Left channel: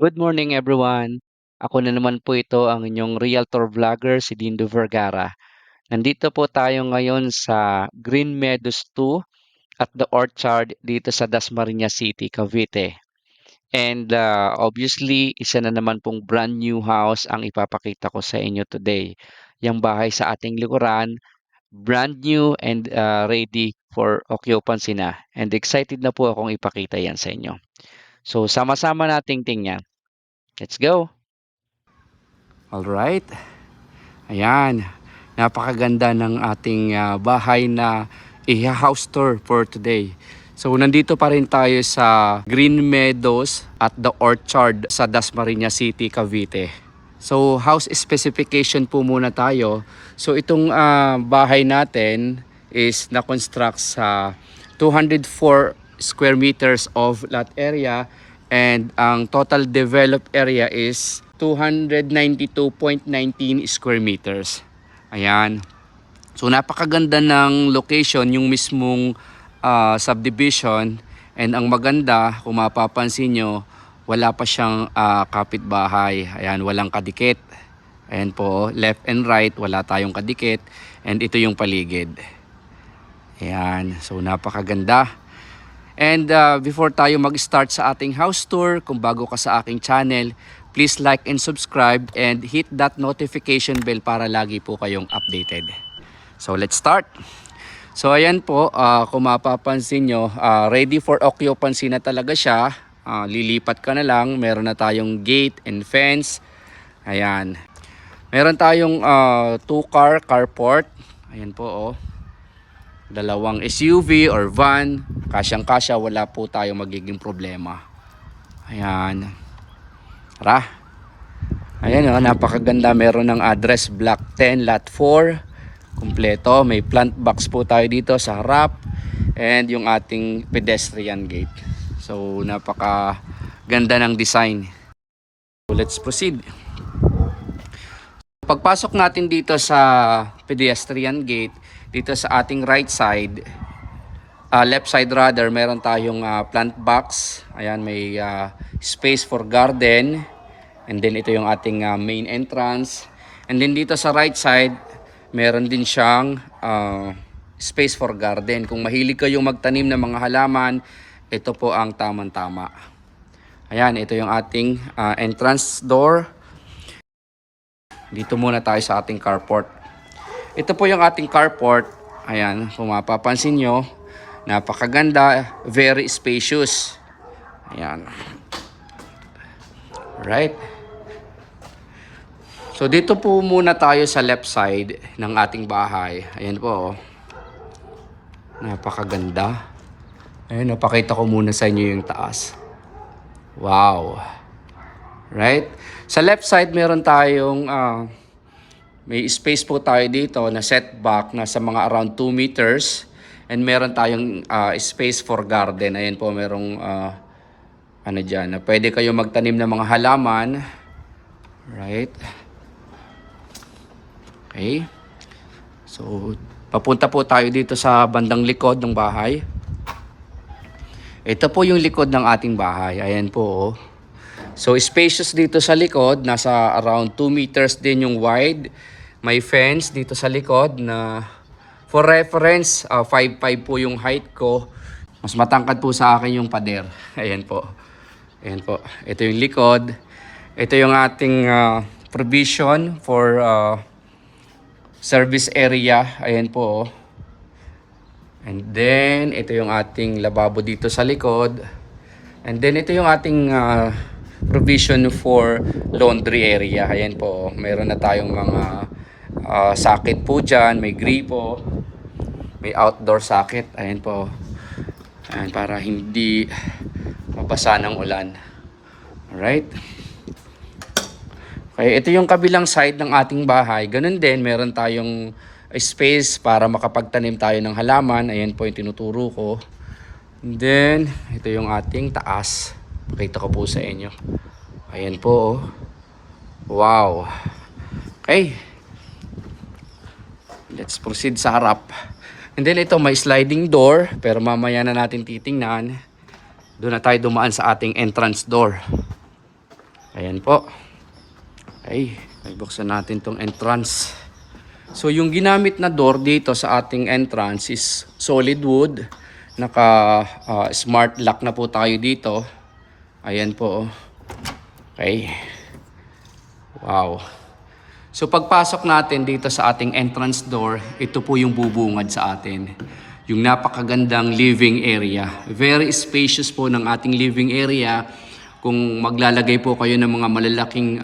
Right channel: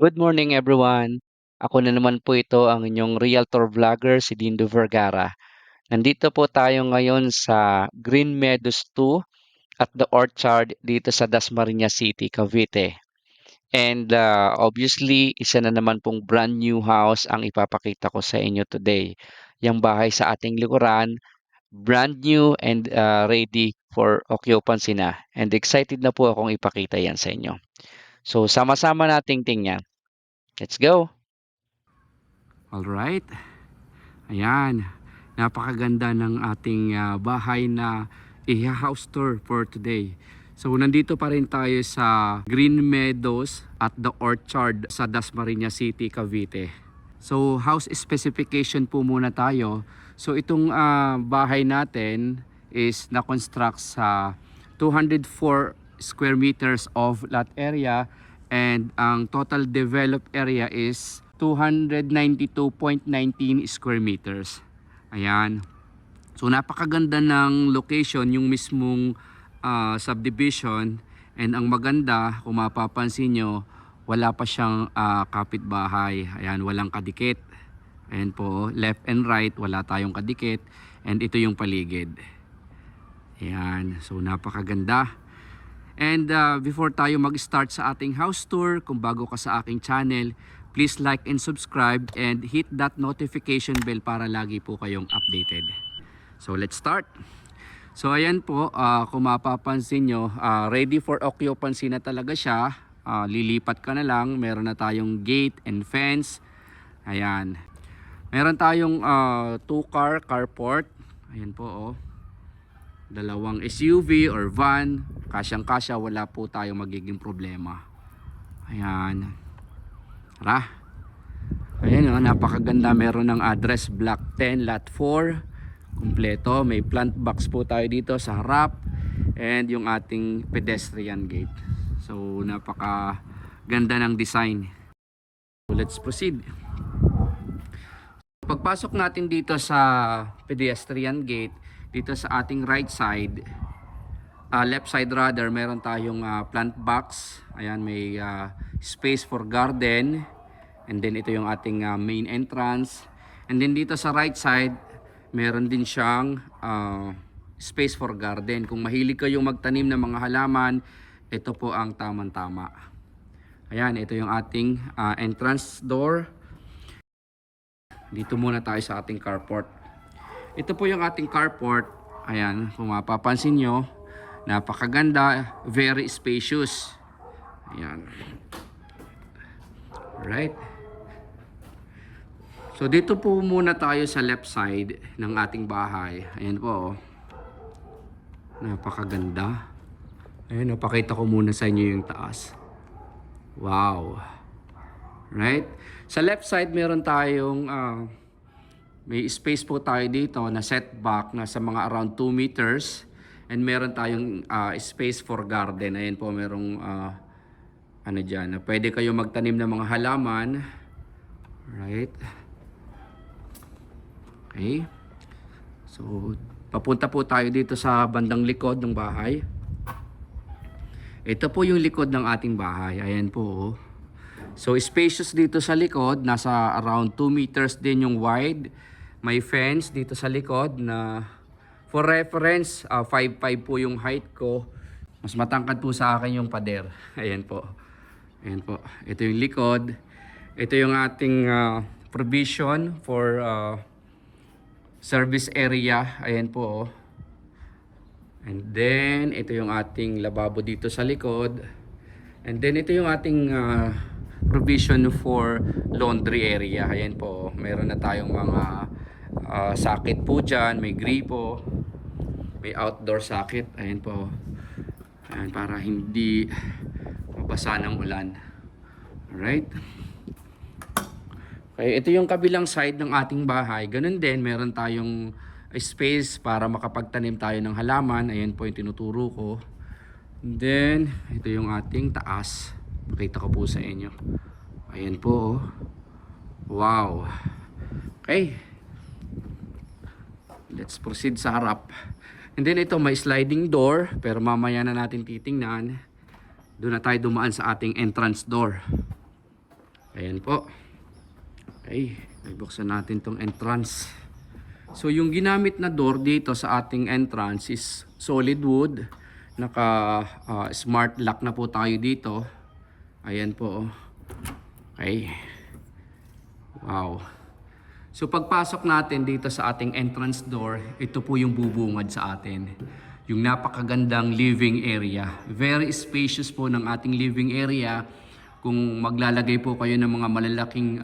Good morning everyone. Ako na naman po ito ang inyong Realtor Vlogger si Dindo Vergara. Nandito po tayo ngayon sa Green Meadows 2 at The Orchard dito sa Dasmariñas City, Cavite. And obviously, isa na naman pong brand new house ang ipapakita ko sa inyo today. Yung bahay sa ating likuran, brand new and ready for occupancy na. And excited na po akong ipakita yan sa inyo. So sama-sama nating tingnan. Let's go! Alright. Ayan. Napakaganda ng ating bahay na i-house tour for today. So nandito pa rin tayo sa Green Meadows at The Orchard sa Dasmariñas City, Cavite. So house specification po muna tayo. So itong bahay natin is na-construct sa 204 square meters of lot area and ang total developed area is 292.19 square meters. Ayan. So napakaganda ng location yung mismong subdivision, and ang maganda kung mapapansin nyo, wala pa siyang kapitbahay. Ayan, walang kadikit. Ayan po, left and right, wala tayong kadikit, and ito yung paligid. Ayan, so napakaganda. And before tayo mag-start sa ating house tour, kung bago ka sa aking channel, please like and subscribe and hit that notification bell para lagi po kayong updated. So let's start. So ayan po, kung mapapansin nyo, ready for occupancy na talaga siya. Lilipat ka na lang, meron na tayong gate and fence. Ayan. Meron tayong 2-car carport. Ayan po oh. Dalawang SUV or van, kasyang-kasya, wala po tayong magiging problema. Ayan. Tara. Ayan o, napakaganda. Meron ng address block 10 lot 4. Kumpleto. May plant box po tayo dito sa harap. And yung ating pedestrian gate. So napakaganda ng design. So let's proceed. Pagpasok natin dito sa pedestrian gate, dito sa ating right side, left side rather, meron tayong plant box. Ayan, may space for garden. And then ito yung ating main entrance. And then dito sa right side, meron din siyang space for garden. Kung mahilig kayong magtanim ng mga halaman, ito po ang tamang-tama. Ayan, ito yung ating entrance door. Dito muna tayo sa ating carport. Ito po yung ating carport. Ayan, kung mapapansin nyo, napakaganda, very spacious. Ayan. Right. So dito po muna tayo sa left side ng ating bahay. Ayan po. Napakaganda. Ayan, napakita ko muna sa inyo yung taas. Wow. Right? Sa left side meron tayong may space po tayo dito na setback na sa mga around 2 meters. And meron tayong space for garden. Ayan po, merong ano dyan, na pwede kayo magtanim ng mga halaman. Right? Okay. So, papunta po tayo dito sa bandang likod ng bahay. Ito po yung likod ng ating bahay. Ayan po. Oh. So, spacious dito sa likod. Nasa around 2 meters din yung wide. May fence dito sa likod na for reference, 5'5" po yung height ko. Mas matangkad po sa akin yung pader. Ayan po. Ayan po. Ito yung likod. Ito yung ating provision for service area. Ayan po. And then, ito yung ating lababo dito sa likod. And then, ito yung ating provision for laundry area. Ayan po. Mayroon na tayong mga socket po dyan. May gripo. May outdoor socket. Ayan po. Ayan, para hindi mabasa ng ulan. Alright. Okay, ito yung kabilang side ng ating bahay. Ganun din, meron tayong space para makapagtanim tayo ng halaman. Ayan po yung tinuturo ko. And then, ito yung ating taas. Pakita ko po sa inyo. Ayan po. Oh. Wow. Okay. Let's proceed sa harap. And then ito may sliding door. Pero mamaya na natin titingnan. Doon na tayo dumaan sa ating entrance door. Ayan po. Ay buksan natin tong entrance. So yung ginamit na door dito sa ating entrance is solid wood. Naka smart lock na po tayo dito. Ayan po. Okay. Wow. So pagpasok natin dito sa ating entrance door, ito po yung bubungad sa atin. Yung napakagandang living area. Very spacious po ng ating living area. Kung maglalagay po kayo ng mga malalaking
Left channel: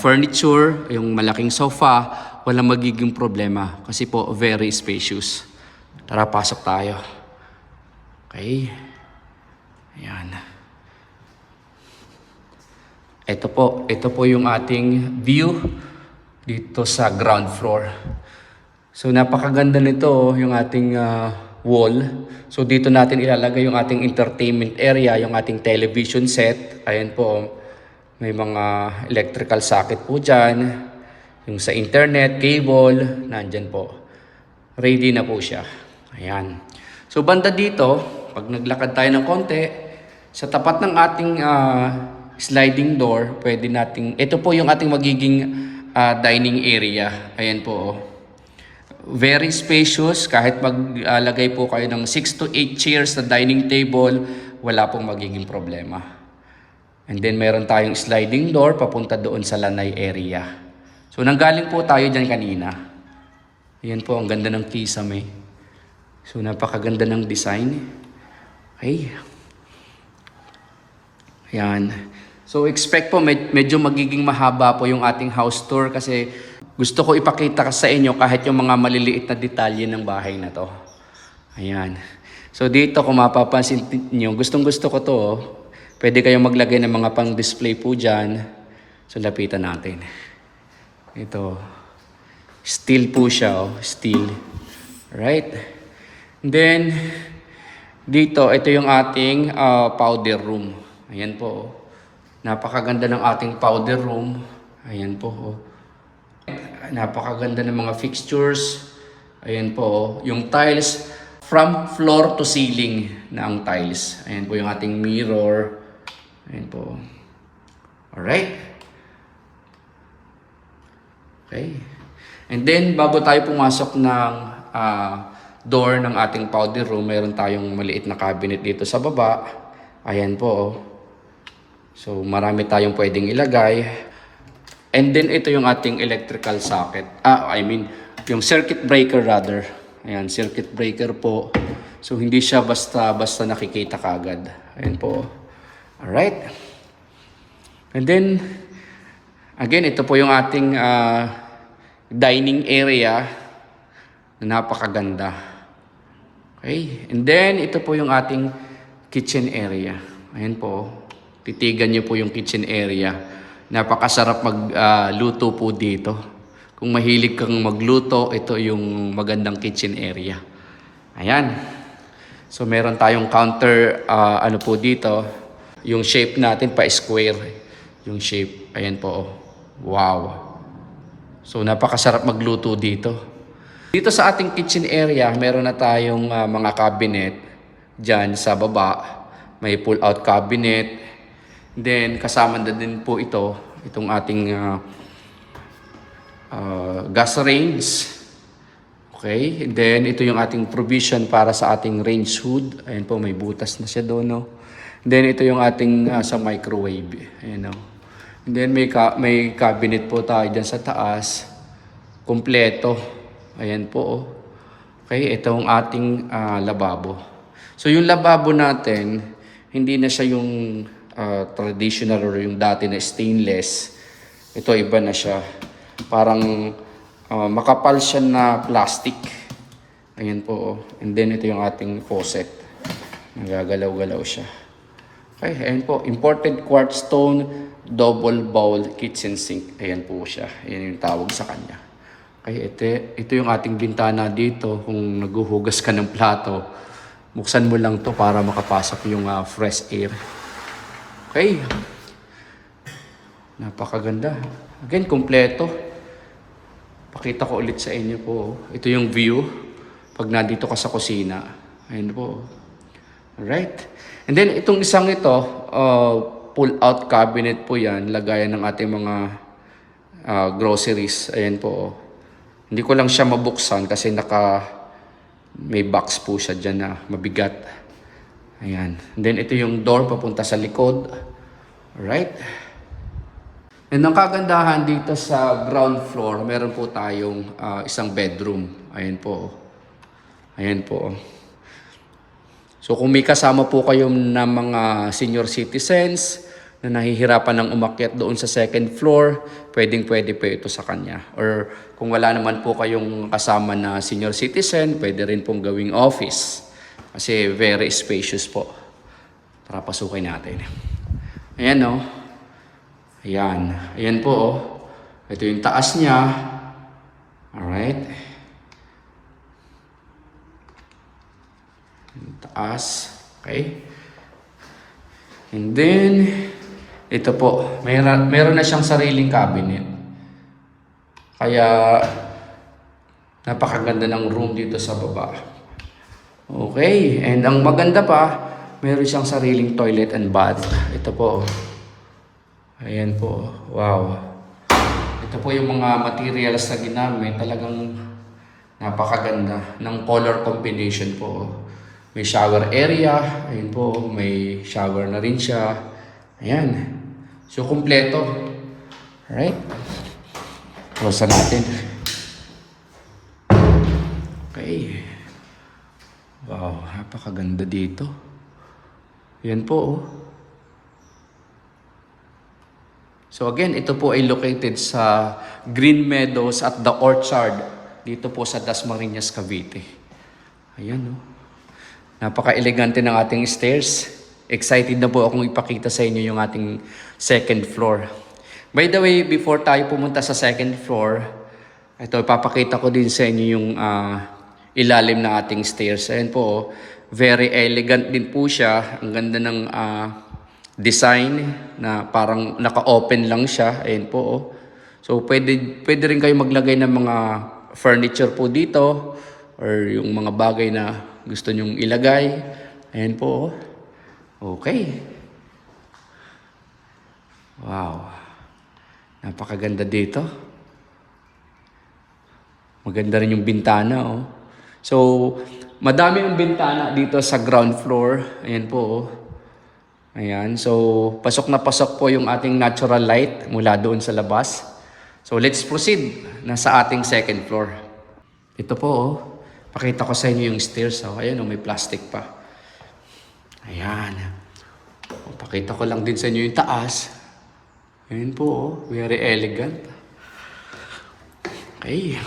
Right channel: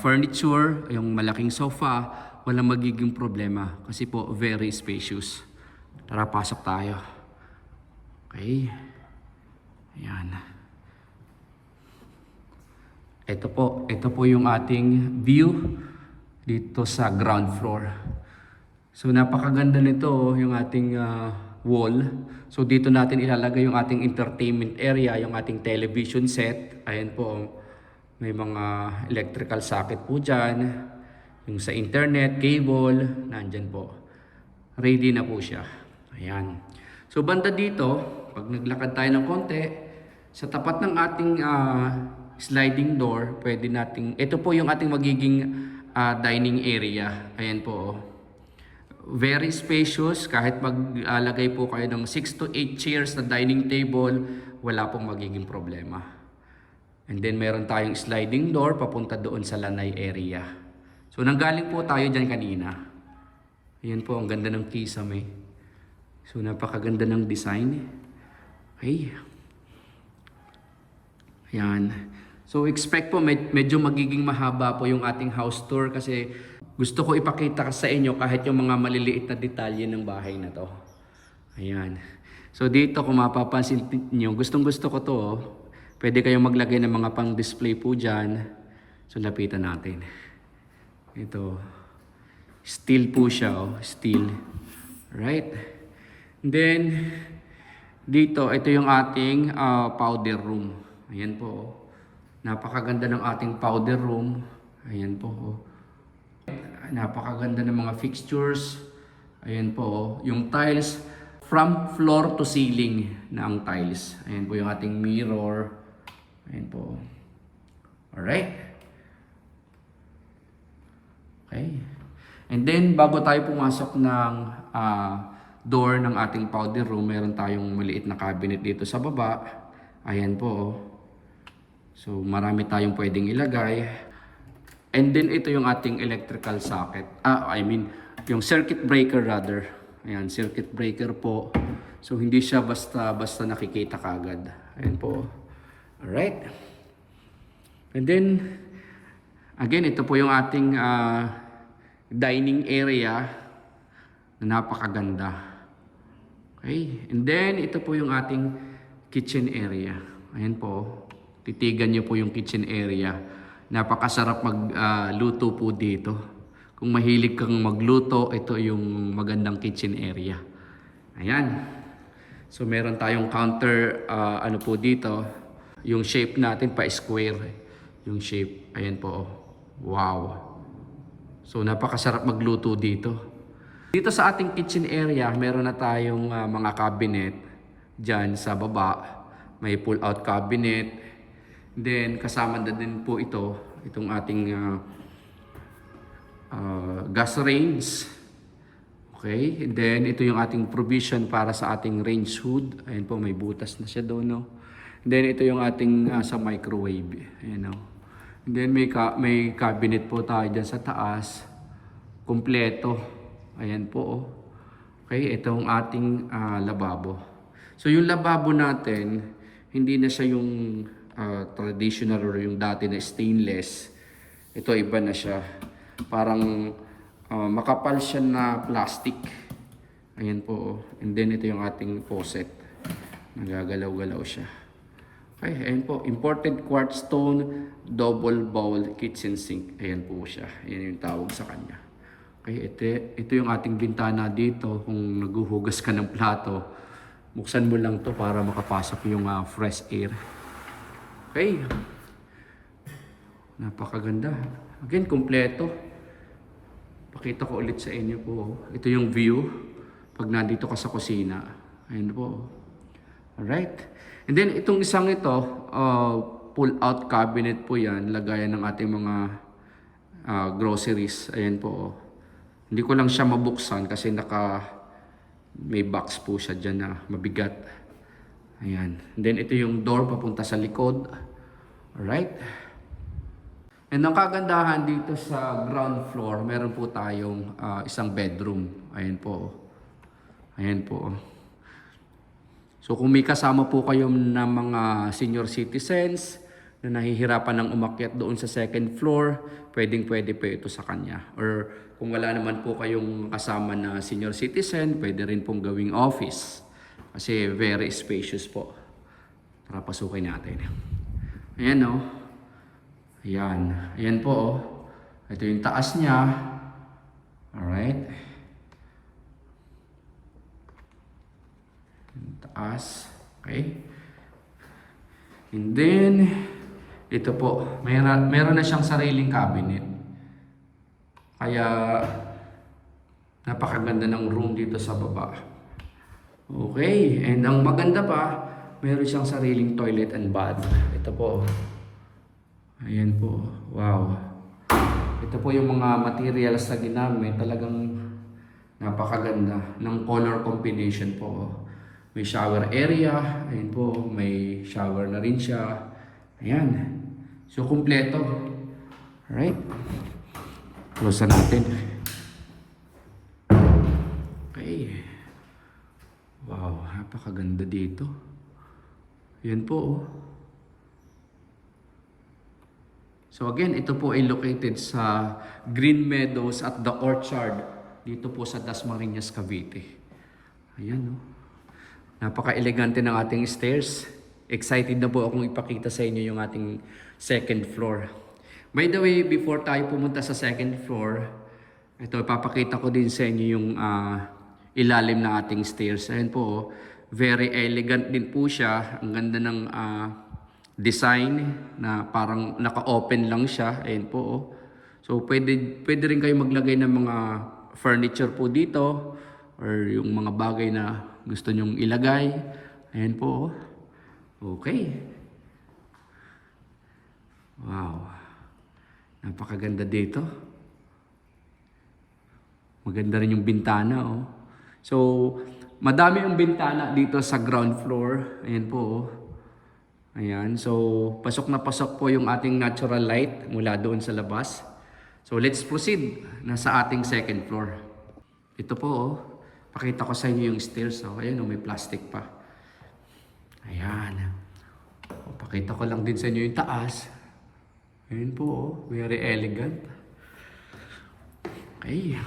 furniture, yung malaking sofa, walang magiging problema kasi po very spacious. Tara, pasok tayo. Okay. Ayan. Ito po yung ating view dito sa ground floor. So napakaganda nito, yung ating wall. So dito natin ilalagay yung ating entertainment area, yung ating television set. Ayan po, may mga electrical socket po dyan. Yung sa internet, cable, nandyan po. Ready na po siya. Ayan. So banda dito, pag naglakad tayo ng konti, sa tapat ng ating sliding door, pwede nating, ito po yung ating magiging dining area. Ayan po. Very spacious. Kahit maglagay po kayo ng 6 to 8 chairs na dining table, wala pong magiging problema. And then meron tayong sliding door papunta doon sa lanay area. So nanggaling po tayo dyan kanina. Ayan po, ang ganda ng kisame. So napakaganda ng design. Okay. Ayan. So expect po medyo magiging mahaba po yung ating house tour kasi gusto ko ipakita sa inyo kahit yung mga maliliit na detalye ng bahay na to. Ayan. So dito kung mapapansin niyo, gustong-gusto ko to. Pwede kayong maglagay ng mga pang-display po dyan. So lapitan natin. Ito. Steel po siya. Steel. Right? And then, dito, ito yung ating powder room. Ayan po. Napakaganda ng ating powder room. Ayan po. Napakaganda ng mga fixtures. Ayan po. Yung tiles, from floor to ceiling na ang tiles. Ayan po yung ating mirror. Ayan po. Alright. Okay. And then, bago tayo pumasok ng door ng ating powder room, meron tayong maliit na cabinet dito sa baba. Ayan po. So, marami tayong pwedeng ilagay. And then, ito yung ating electrical socket. Yung circuit breaker rather. Ayan, circuit breaker po. So, hindi siya basta nakikita kagad. Ayan po. Alright. And then, again, ito po yung ating dining area na napakaganda. Okay. And then, ito po yung ating kitchen area. Ayan po. Titigan nyo po yung kitchen area. Napakasarap magluto po dito. Kung mahilig kang magluto, ito yung magandang kitchen area. Ayan. So, meron tayong counter, po dito. Yung shape natin pa-square. Yung shape. Ayan po. Wow. So, napakasarap magluto dito. Dito sa ating kitchen area, meron na tayong mga cabinet. Diyan sa baba. May pull-out cabinet. Then, kasama na din po itong ating gas range. Okay. And then, ito yung ating provision para sa ating range hood. Ayan po, may butas na siya doon, no? Then ito yung ating sa microwave. Ayan o. And then may cabinet po tayo dyan sa taas. Kompleto. Ayan po o. Okay, ito yung ating lababo. So yung lababo natin, hindi na siya yung traditional or yung dati na stainless. Ito iba na siya. Parang makapal siya na plastic. Ayan po o. And then ito yung ating faucet. Nagagalaw-galaw siya. Okay, ayan po. Imported quartz stone, double bowl kitchen sink. Ayan po siya. Ayan yung tawag sa kanya. Okay, ito yung ating bintana dito. Kung naghuhugas ka ng plato, buksan mo lang to para makapasok yung fresh air. Okay. Napakaganda. Again, kompleto. Pakita ko ulit sa inyo po. Ito yung view pag nandito ka sa kusina. Ayan po. Alright. And then, itong isang ito, pull-out cabinet po yan. Lagayan ng ating mga groceries. Ayan po. Oh. Hindi ko lang siya mabuksan kasi may box po siya dyan na mabigat. Ayan. And then ito yung door papunta sa likod. Alright. And ang kagandahan dito sa ground floor, meron po tayong isang bedroom. Ayan po. Ayan po. So kung may kasama po kayo na mga senior citizens na nahihirapan ng umakyat doon sa second floor, pwedeng-pwede po ito sa kanya. Or kung wala naman po kayong kasama na senior citizen, pwede rin pong gawing office. Kasi very spacious po. Tara, pasukin natin. Ayan o. Ayan. Ayan po o. Ito yung taas niya. Alright. Yung taas. Okay. And then, ito po. Meron na siyang sariling cabinet. Kaya, napakaganda ng room dito sa baba. Okay. And ang maganda pa, meron siyang sariling toilet and bath. Ito po. Ayan po. Wow. Ito po yung mga materials na ginamit. Talagang napakaganda ng color combination po. May shower area. Ayan po. May shower na rin siya. Ayan. So, kumpleto. Alright. Close na natin. Okay. Wow. Napakaganda dito. Ayan po oh. So again, ito po ay located sa Green Meadows at The Orchard dito po sa Dasmariñas, Cavite. Ayan, no? Napaka-elegante ng ating stairs. Excited na po akong ipakita sa inyo yung ating second floor. By the way, before tayo pumunta sa second floor, ito, ipapakita ko din sa inyo yung ilalim ng ating stairs. Ayan po, oh. Very elegant din po siya. Ang ganda ng design na parang naka-open lang siya. Ayan po. Oh. So, pwede rin kayo maglagay ng mga furniture po dito or yung mga bagay na gusto nyong ilagay. Ayan po. Oh. Okay. Wow. Napakaganda dito. Maganda rin yung bintana. Oh. So, madami ang bintana dito sa ground floor. Ayan po. Oh. Ayan, so pasok na pasok po yung ating natural light mula doon sa labas. So let's proceed na sa ating second floor. Ito po, oh. Pakita ko sa inyo yung stairs. Oh. Ayan, oh, may plastic pa. Ayan. Oh, pakita ko lang din sa inyo yung taas. Ayan po, oh. Very elegant. Okay.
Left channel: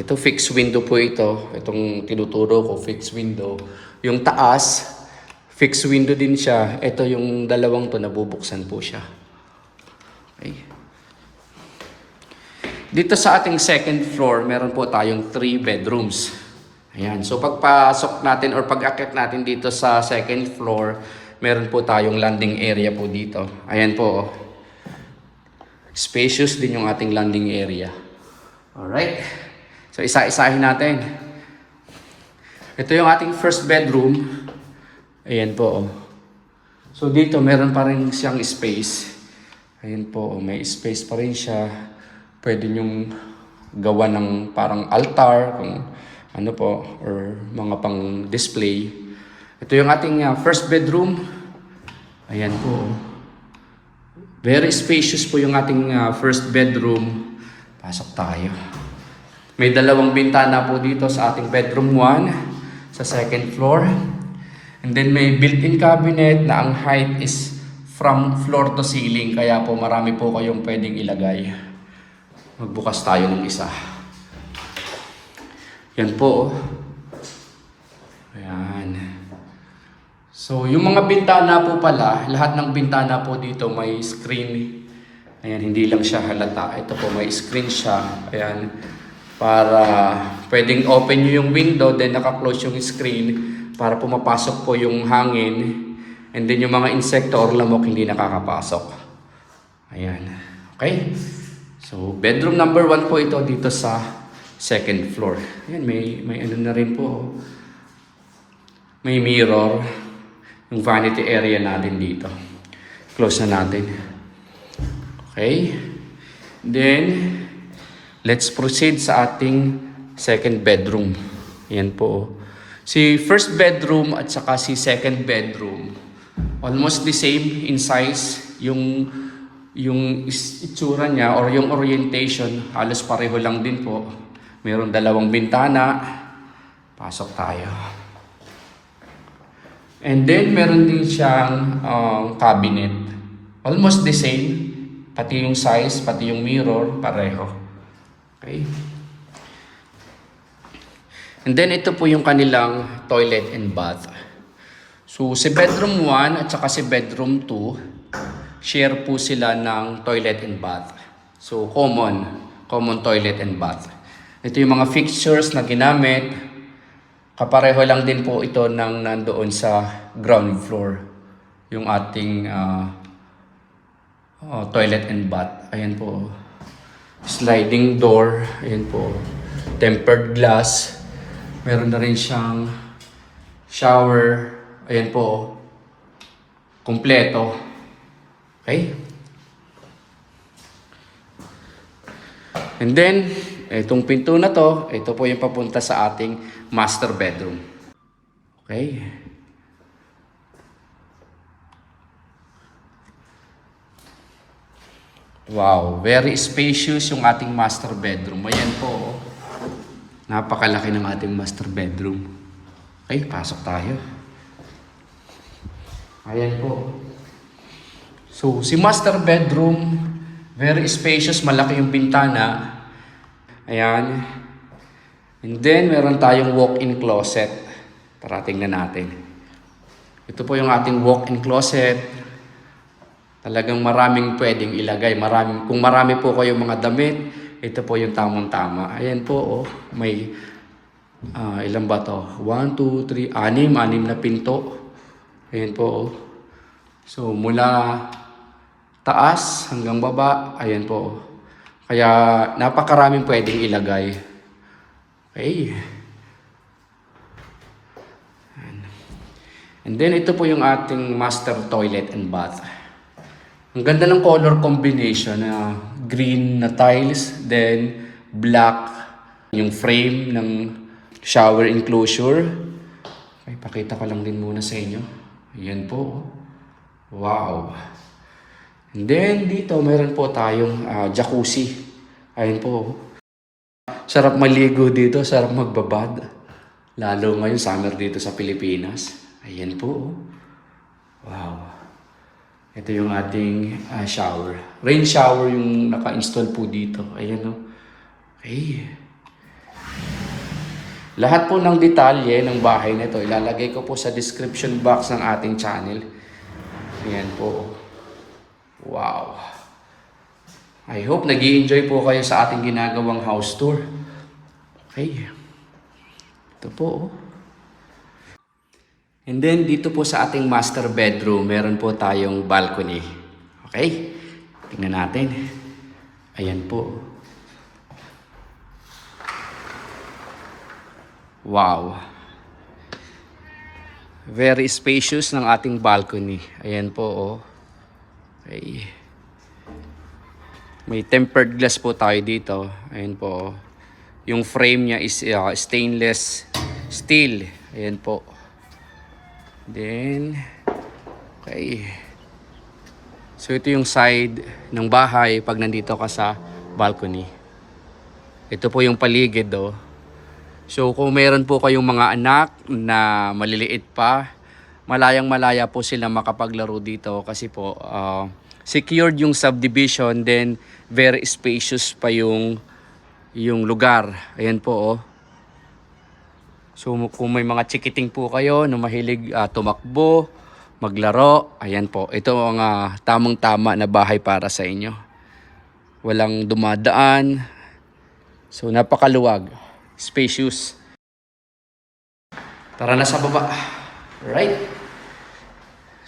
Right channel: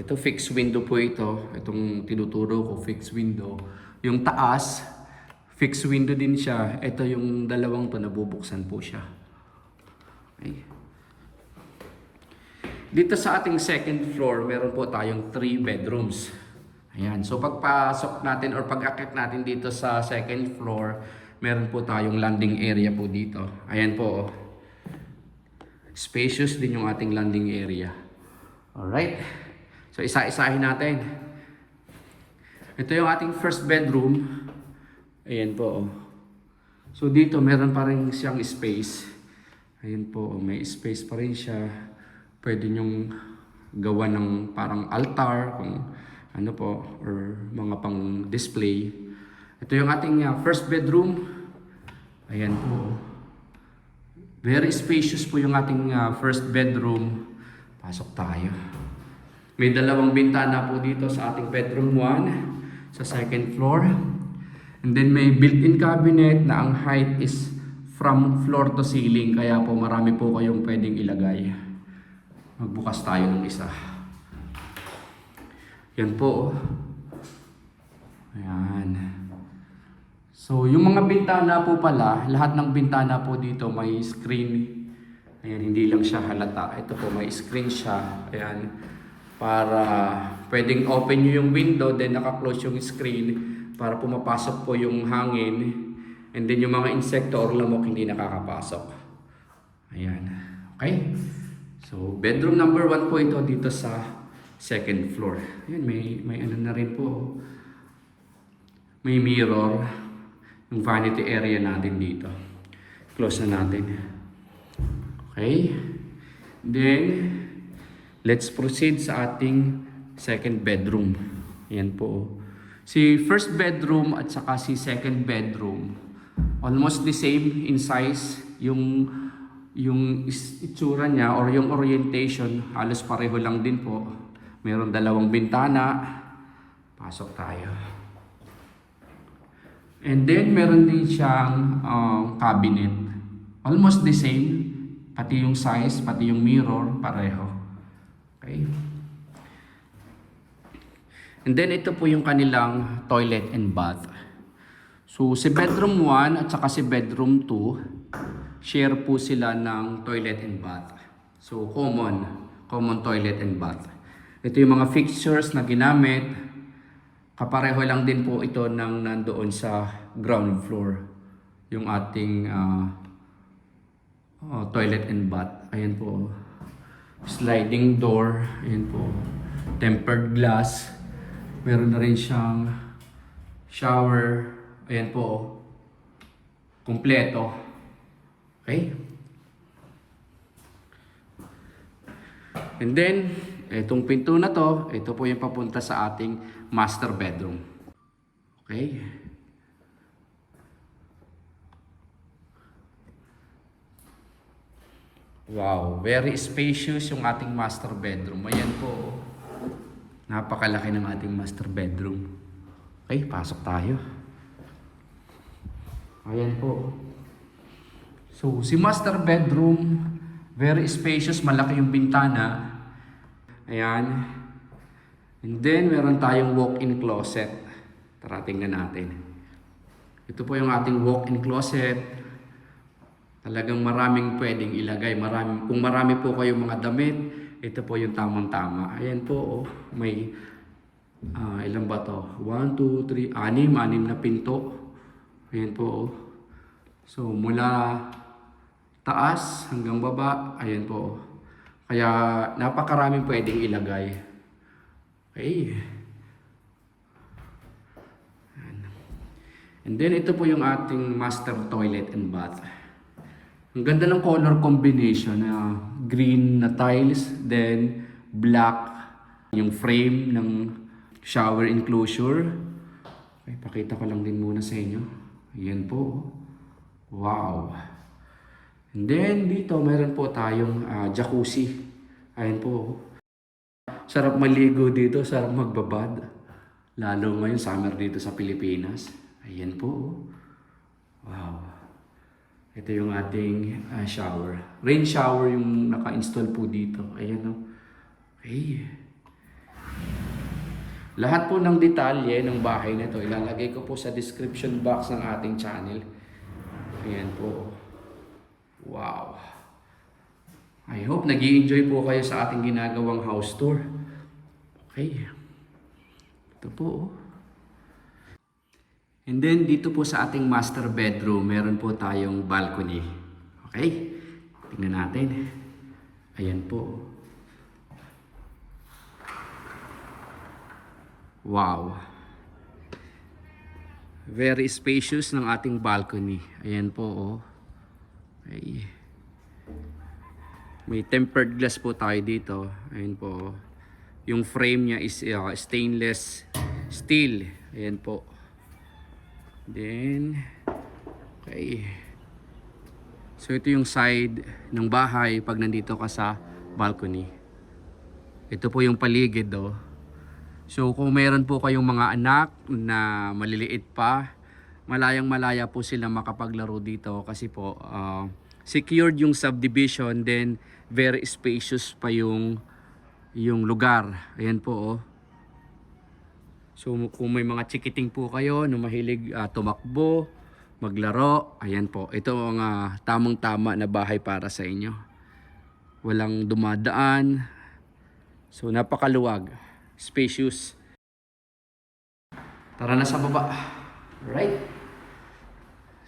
Ito, fixed window po ito. Itong tinuturo ko, fixed window. Yung taas, fixed window din siya. Ito yung dalawang to, nabubuksan po siya. Okay. Dito sa ating second floor, meron po tayong 3 bedrooms. Ayan. So, pagpasok natin or pag-akyat natin dito sa second floor, meron po tayong landing area po dito. Ayan po. Spacious din yung ating landing area. Alright. So, isa-isahin natin. Ito yung ating first bedroom. Ayan po. So, dito meron pa rin siyang space. Ayan po. May space pa rin siya. Pwede nyong gawa ng parang altar, kung ano po, or mga pang display. Ito yung ating first bedroom. Ayan po. Very spacious po yung ating first bedroom. Pasok tayo. May dalawang bintana po dito sa ating bedroom 1 sa second floor. And then may built-in cabinet na ang height is from floor to ceiling. Kaya po marami po kayong pwedeng ilagay. Magbukas tayo ng isa. Yan po. Ayan. So yung mga bintana po pala, lahat ng bintana po dito may screen. Ayan, hindi lang siya halata. Ito po may screen siya. Ayan. Para pwedeng open nyo yung window, then naka-close yung screen para pumapasok po yung hangin, and then yung mga insekto or lamok hindi nakakapasok. Ayan. Okay? So, bedroom number 1 po ito dito sa second floor. Ayan, may ano na rin po. May mirror. Yung vanity area natin dito. Close na natin. Okay. Then, let's proceed sa ating second bedroom. Yan po. Si first bedroom at saka si second bedroom, almost the same in size. Yung itsura niya or yung orientation, halos pareho lang din po. Mayroon dalawang bintana. Pasok tayo. And then, meron din siyang cabinet. Almost the same. Pati yung size, pati yung mirror, pareho. Okay. And then, ito po yung kanilang toilet and bath. So, si bedroom 1 at saka si bedroom 2, share po sila ng toilet and bath. So, common toilet and bath. Ito yung mga fixtures na ginamit. Kapareho lang din po ito ng nandoon sa ground floor. Yung ating toilet and bath. Ayan po. Sliding door. Ayan po. Tempered glass. Meron na rin siyang shower. Ayan po. Kompleto. Okay? And then, itong pinto na to, ito po yung papunta sa ating master bedroom. Okay? Wow, very spacious yung ating master bedroom. Ayan po. Napakalaki ng ating master bedroom. Okay, pasok tayo. Ayan po. So, si master bedroom, very spacious, malaki yung bintana. Ayan. And then, meron tayong walk-in closet. Tara, tingnan natin. Ito po yung ating walk-in closet. Talagang maraming pwedeng ilagay. Kung marami po kayong mga damit, ito po yung tamang-tama. Ayan po, oh. May, ilan ba to? 1, 2, 3, 6 na pinto. Ayan po, oh. So, mula taas hanggang baba, ayan po, oh. Kaya, napakaraming pwedeng ilagay. Okay. And then, ito po yung ating master toilet and bath. Ang ganda ng color combination na green na tiles, then black yung frame ng shower enclosure. Okay, pakita ko lang din muna sa inyo. Ayan po. Wow. And then dito meron po tayong jacuzzi. Ayan po. Sarap maligo dito, sarap magbabad. Lalo ngayon summer dito sa Pilipinas. Ayan po. Wow. Ito yung ating shower. Rain shower yung naka-install po dito. Ayan o. Okay. Lahat po ng detalye ng bahay nito ilalagay ko po sa description box ng ating channel. Ayan po. Wow. I hope nag-i-enjoy po kayo sa ating ginagawang house tour. Okay. Ito po. And then, dito po sa ating master bedroom, meron po tayong balcony. Okay? Tingnan natin. Ayan po. Wow. Very spacious ng ating balcony. Ayan po, oh. Okay. May tempered glass po tayo dito. Ayan po. Yung frame niya is stainless steel. Ayan po. Then, okay. So, ito yung side ng bahay pag nandito ka sa balcony. Ito po yung paligid, oh. So, kung meron po kayong mga anak na maliliit pa, malayang-malaya po sila makapaglaro dito kasi po, secured yung subdivision, then very spacious pa yung lugar. Ayan po, oh. So kung may mga chikiting po kayo na mahilig tumakbo, maglaro, ayan po. Ito ang tamang-tama na bahay para sa inyo. Walang dumadaan. So napakaluwag. Spacious. Tara na sa baba. Alright.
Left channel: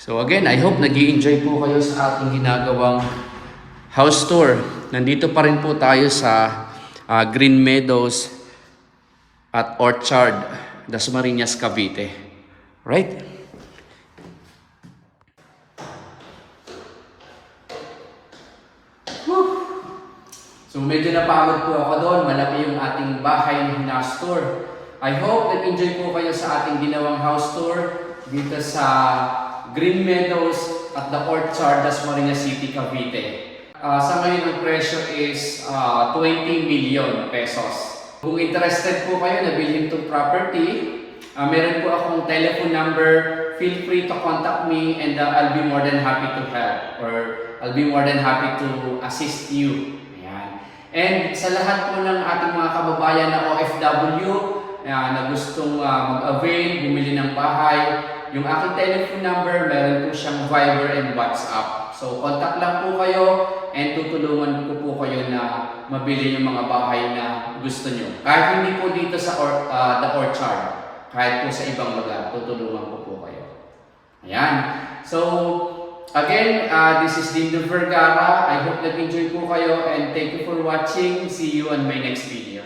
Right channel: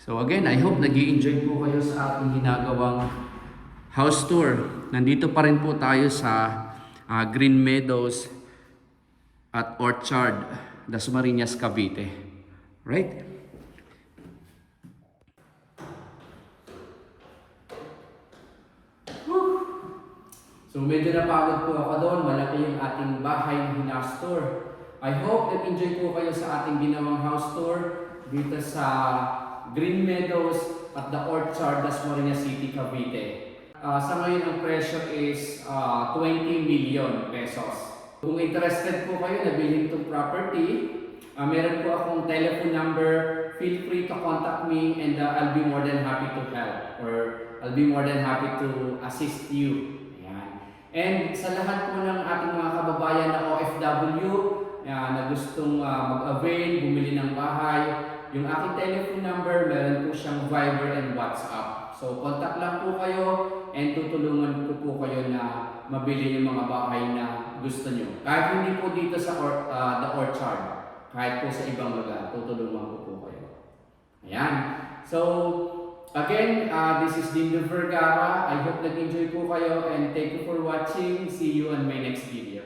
So again, I hope nag-i-enjoy po kayo sa ating ginagawang house tour. Nandito pa rin po tayo sa Green Meadows at Orchard, Dasmariñas, Cavite. Right? So medyo napagod po ako doon. Malaki yung ating bahay na house tour. I hope nag-enjoy po kayo sa ating ginawang house tour dito sa Green Meadows at the Orchard, Dasmariñas City, Cavite. Sa ngayon ang presyo is 20 million pesos. Kung interested po kayo na bilhin itong property, meron po akong telephone number. Feel free to contact me and I'll be more than happy to help or I'll be more than happy to assist you. And sa lahat po ng ating mga kababayan na OFW na gustong mag-avail, bumili ng bahay, yung aking telephone number, meron po siyang Viber and WhatsApp. So contact lang po kayo and tutulungan ko po kayo na mabili yung mga bahay na gusto nyo. Kahit hindi po dito sa the Orchard, kahit po sa ibang lugar, tutulungan ko po kayo. Ayan. So, again, this is Dindo Vergara. I hope nag-enjoy po kayo and thank you for watching. See you on my next video.